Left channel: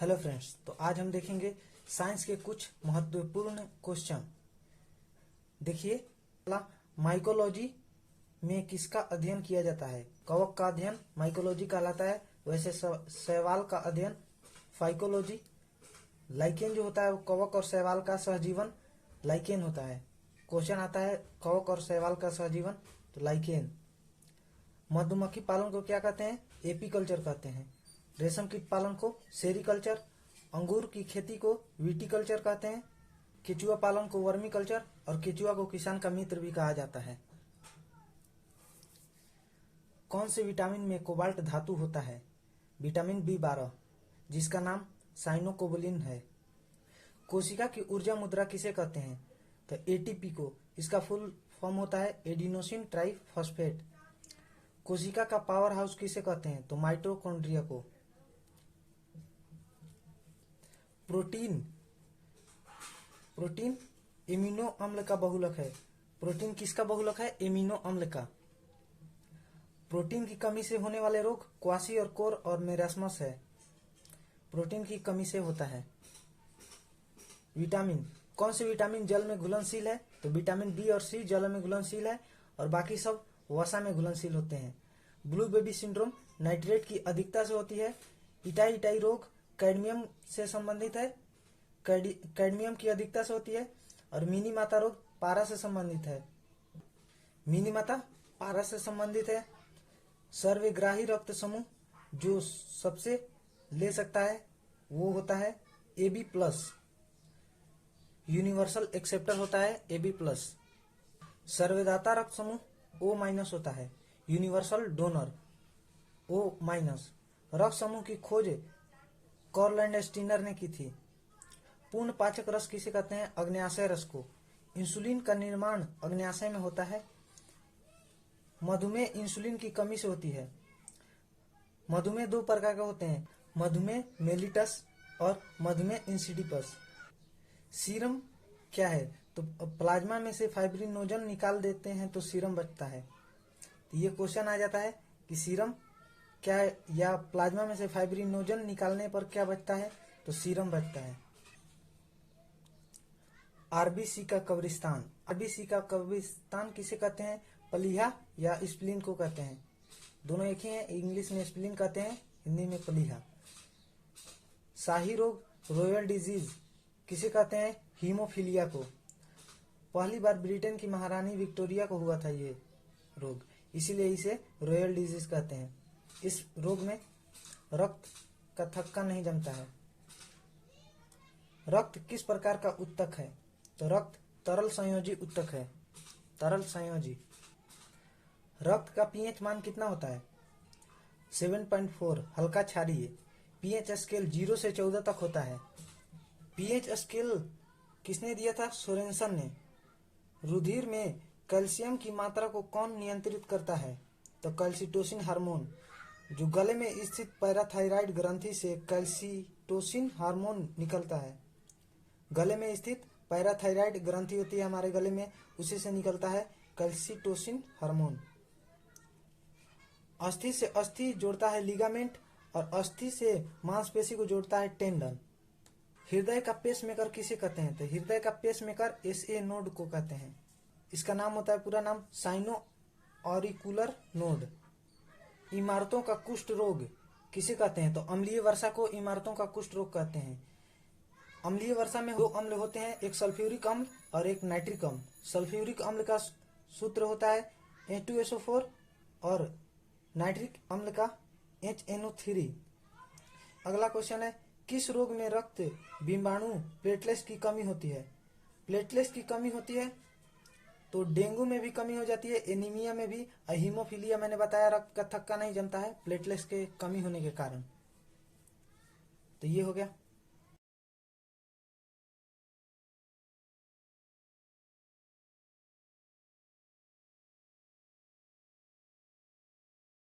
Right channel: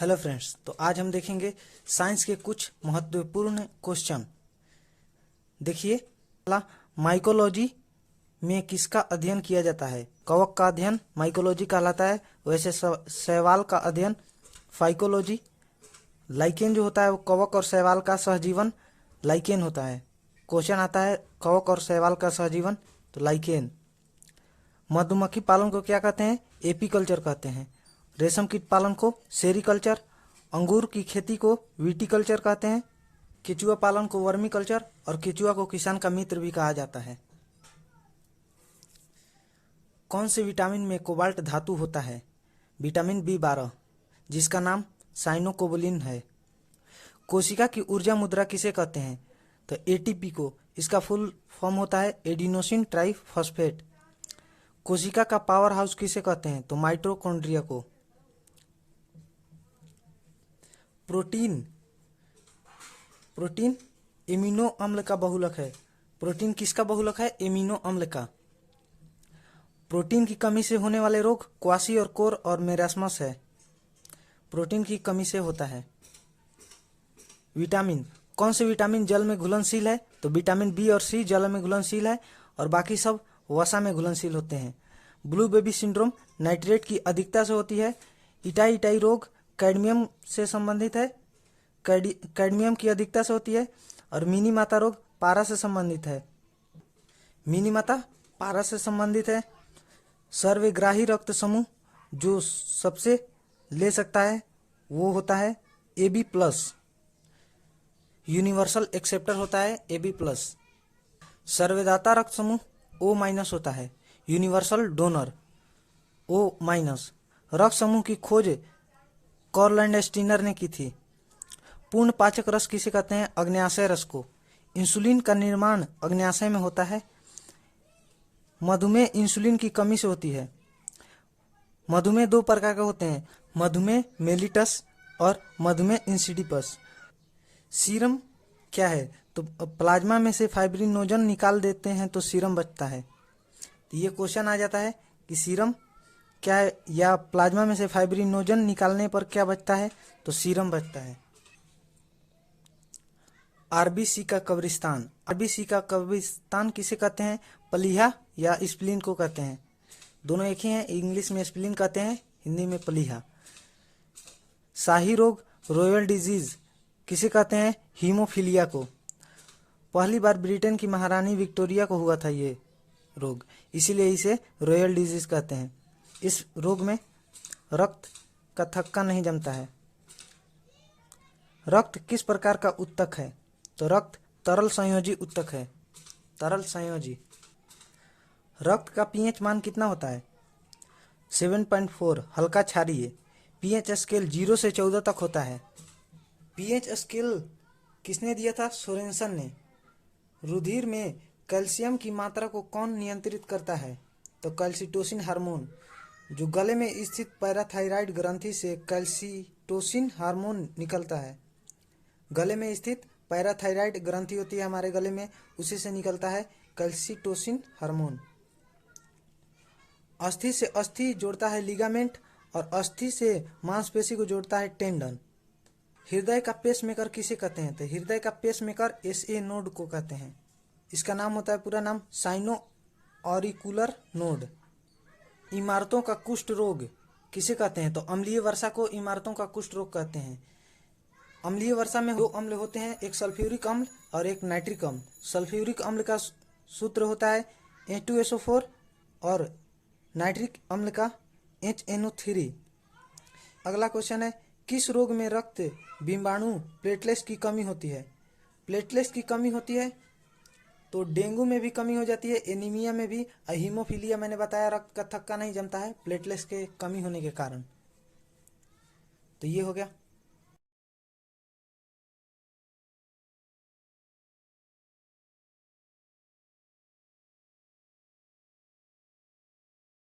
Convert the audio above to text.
Hello friends, तो आज हम देखेंगे साइंस के कुछ महत्वपूर्ण क्वेश्चन। देखिए, पहला, माइकोलॉजी में किसका अध्ययन किया जाता है? कवक का अध्ययन माइकोलॉजी कहलाता है। वैसे शैवाल का अध्ययन फाइकोलॉजी। लाइकेन जो होता है वो कवक और शैवाल का सहजीवन लाइकेन होता है। क्वेश्चन आता है कवक और शैवाल का सहजीवन, तो लाइकेन। मधुमक्खी पालन को क्या कहते हैं? एपीकल्चर कहते हैं। रेशम कीट पालन को सेरीकल्चर। अंगूर की खेती को विटीकल्चर कहते हैं। केचुआ पालन को वर्मी कल्चर, और केचुआ को किसान का मित्र भी कहा जाता है। कौन से विटामिन में कोबाल्ट धातु होता है? विटामिन B12, जिसका नाम साइनोकोबलिन है। कोशिका की ऊर्जा मुद्रा किसे कहते हैं? तो एटीपी को। इसका फुल फॉर्म होता है एडिनोसिन ट्राइफॉस्फेट। कोशिका का पावर हाउस किसे कहते हैं? तो माइटोकॉन्ड्रिया को। प्रोटीन एमिनो अम्ल का बहुलक है। प्रोटीन किसका बहुलक है? एमिनो अम्ल का। प्रोटीन की कमी से होने वाले रोग क्वासी और कोर और मेरास्मस है। प्रोटीन की कमी से होता है। विटामिन, कौन से विटामिन जल में घुलनशील है? तो विटामिन B और C जल में घुलनशील है और बाकी सब वसा में घुलनशील होते हैं। ब्लू बेबी सिंड्रोम नाइट्रेट की अधिकता से होती है। इटाई रोग कैडमियम से संबंधित है। कैडमियम की अधिकता से होती है। और मिनी माता रोग पारा से संबंधित है। मिनी माता पारा से संबंधित है। सर्वग्राही रक्त समूह जो सबसे ले सकता है वो होता है AB+। यूनिवर्सल एक्सेप्टर होता है AB+। सर्वदाता रक्त समूह O- होता है। Universal donor O-। रक्त समूह की खोज कॉरलैंड स्टीनर ने की थी। पूर्ण पाचक रस किसे कहते हैं? अग्न्याशय रस को। इंसुलिन का निर्माण अग्न्याशय में होता है। मधुमेह इंसुलिन की कमी से होती है। मधुमेह दो प्रकार के होते हैं, मधुमेह मेलिटस और मधुमेह इंसिडिपस। सीरम क्या है? तो प्लाज्मा में से फाइब्रिनोजन निकाल देते हैं तो सीरम बचता है। तो ये क्वेश्चन आ जाता है कि सीरम क्या है, या प्लाज्मा में से फाइब्रिनोजन निकालने पर क्या बचता है? तो सीरम बचता है। आरबीसी का कब्रिस्तान। आरबीसी का कब्रिस्तान किसे कहते हैं? प्लीहा या स्प्लीन को कहते हैं। दोनों एक ही हैं, इंग्लिश में स्प्लीन कहते हैं, हिंदी में प्लीहा। शाही रोग रॉयल डिजीज किसे कहते हैं? हीमोफीलिया को। पहली बार ब्रिटेन की महारानी विक्टोरिया को हुआ था ये रोग, इसीलिए इसे रॉयल डिजीज कहते हैं। इस रोग में रक्त का थक्का नहीं जमता है। रक्त किस प्रकार का उत्तक है? तो रक्त तरल संयोजी उत्तक है। तरल संयोजी। रक्त का पीएच मान कितना होता है? 7.4, हल्का क्षारीय। पीएच स्केल 0 से 14 तक होता है। पीएच स्केल किसने दिया था? सोरेनसन ने। रुधिर में कैल्शियम की मात्रा को कौन नियंत्रित करता है? तो कैल्सिटोसिन हार्मोन। जो गले में स्थित पैराथायराइड ग्रंथि से कैल्सिटोसिन हार्मोन निकलता है। गले में स्थित पैराथायराइड ग्रंथि होती है हमारे गले में, उसी से निकलता है कैल्सिटोसिन हार्मोन। अस्थि से अस्थि जोड़ता है लिगामेंट, और अस्थि से मांसपेशी को जोड़ता है टेंडन। हृदय का पेसमेकर किसे कहते हैं? तो हृदय का पेसमेकर SA नोड को कहते हैं। इसका नाम होता है पूरा नाम साइनो ऑरिकुलर नोड। इमारतों का कुष्ठ रोग किसे कहते हैं? तो अम्लीय वर्षा को इमारतों का कुष्ठ रोग कहते हैं। अम्लीय वर्षा में दो अम्ल होते हैं, एक सल्फ्यूरिक अम्ल और एक नाइट्रिक अम्ल। सल्फ्यूरिक अम्ल का सूत्र होता है H2SO4 और नाइट्रिक अम्ल का HNO3। अगला क्वेश्चन है, किस रोग में रक्त बिंबाणु प्लेटलेट्स की कमी होती है? प्लेटलेट्स की कमी होती है तो डेंगू में भी कमी हो जाती है, एनीमिया में भी। हीमोफीलिया मैंने बताया, रक्त का थक्का नहीं जमता है प्लेटलेट्स के कमी होने के कारण। तो ये हो गया।